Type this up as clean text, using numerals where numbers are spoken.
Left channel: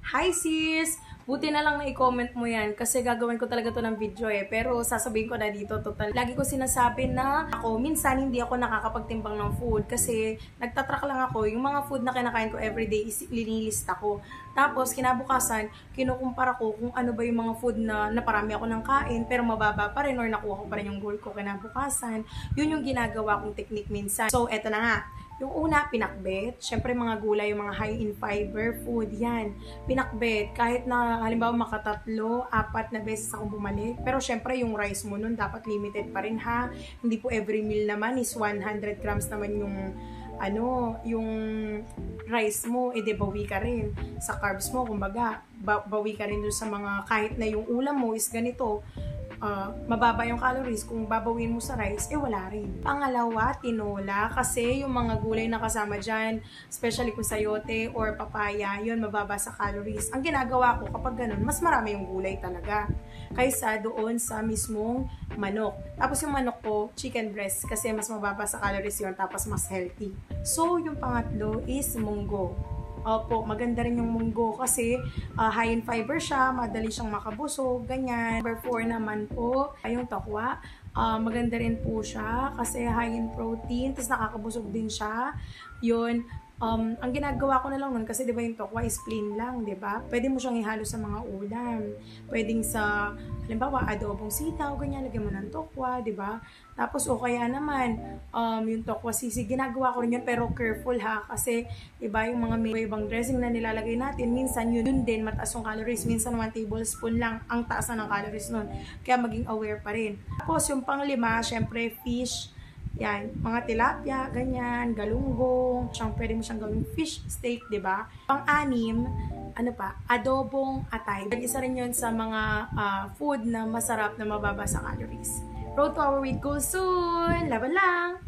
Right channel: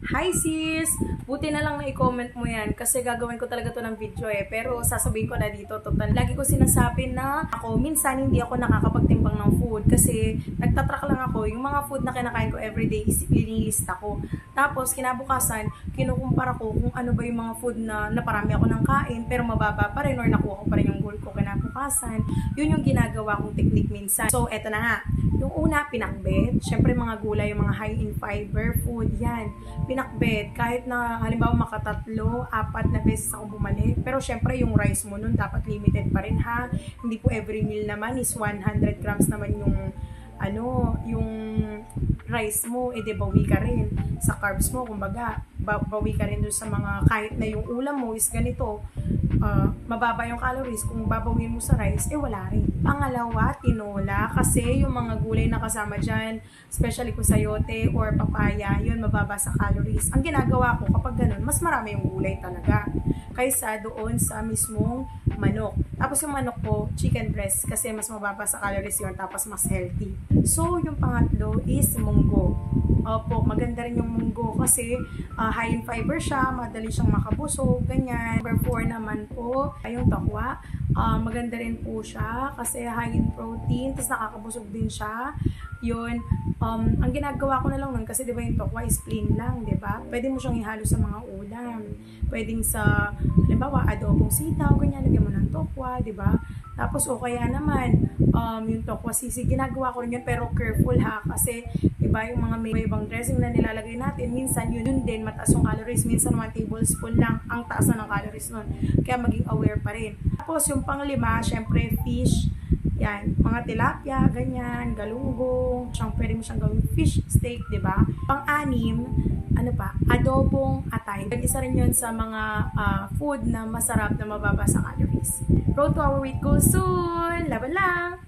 Hi sis! Buti na lang na i-comment mo yan kasi gagawin ko talaga to ng video pero sasabihin ko na dito total. Lagi ko sinasabi na ako, minsan hindi ako nakakapagtimbang ng food kasi nagtatrack lang ako. Yung mga food na kinakain ko everyday is linilista ko. Tapos kinabukasan, kinukumpara ko kung ano ba yung mga food na naparami ako ng kain pero mababa pa rin or nakuha ko pa rin yung goal ko kinabukasan. Yun yung ginagawa kong technique minsan. So eto na nga. Yung una, pinakbet. Syempre mga gulay, yung mga high in fiber food, yan. Pinakbet. Kahit na halimbawa makatatlo, 4 na beses akong bumalik. Pero syempre yung rice mo nun dapat limited pa rin ha. Hindi po every meal naman is 100 grams naman yung rice mo, de bawi ka rin sa carbs mo, kumbaga bawi ka rin dun sa mga, kahit na yung ulam mo is ganito, mababa yung calories, kung babawin mo sa rice, wala rin. Pangalawa, tinola, kasi yung mga gulay na kasama dyan, especially kung sayote or papaya, yun mababa sa calories. Ang ginagawa ko kapag ganun, mas marami yung gulay talaga kaysa doon sa mismong manok. Tapos yung manok ko, chicken breast, kasi mas mababa sa calories yun, tapos mas healthy. So, yung pangatlo is munggo. Opo, maganda rin yung munggo kasi high in fiber siya, madali siyang makabusog, ganyan. Number 4 naman po, ay yung tokwa. Maganda rin po siya kasi high in protein, tapos nakakabusog din siya. Yun, ang ginagawa ko na lang nun kasi diba yung tokwa is plain lang, diba? Pwede mo siyang ihalo sa mga ulam. Pwedeng sa, halimbawa, adobong sitaw, ganyan, lagyan mo ng tokwa, diba? Tapos o kaya naman, yung tokwa sisig, ginagawa ko rin yun pero careful ha, kasi diba yung mga may ibang dressing na nilalagay natin, minsan yun din mataas yung calories, minsan 1 tablespoon lang ang taas na ng calories nun, kaya maging aware pa rin. Tapos yung panglima, syempre fish, yan, mga tilapia, ganyan, galunggong, pwede mo siyang gawing fish steak, diba? Pang-anim, ano pa, adobong atay. Isa rin yun sa mga food na masarap na mababa sa calories. Road to our weight goal soon! Laban lang!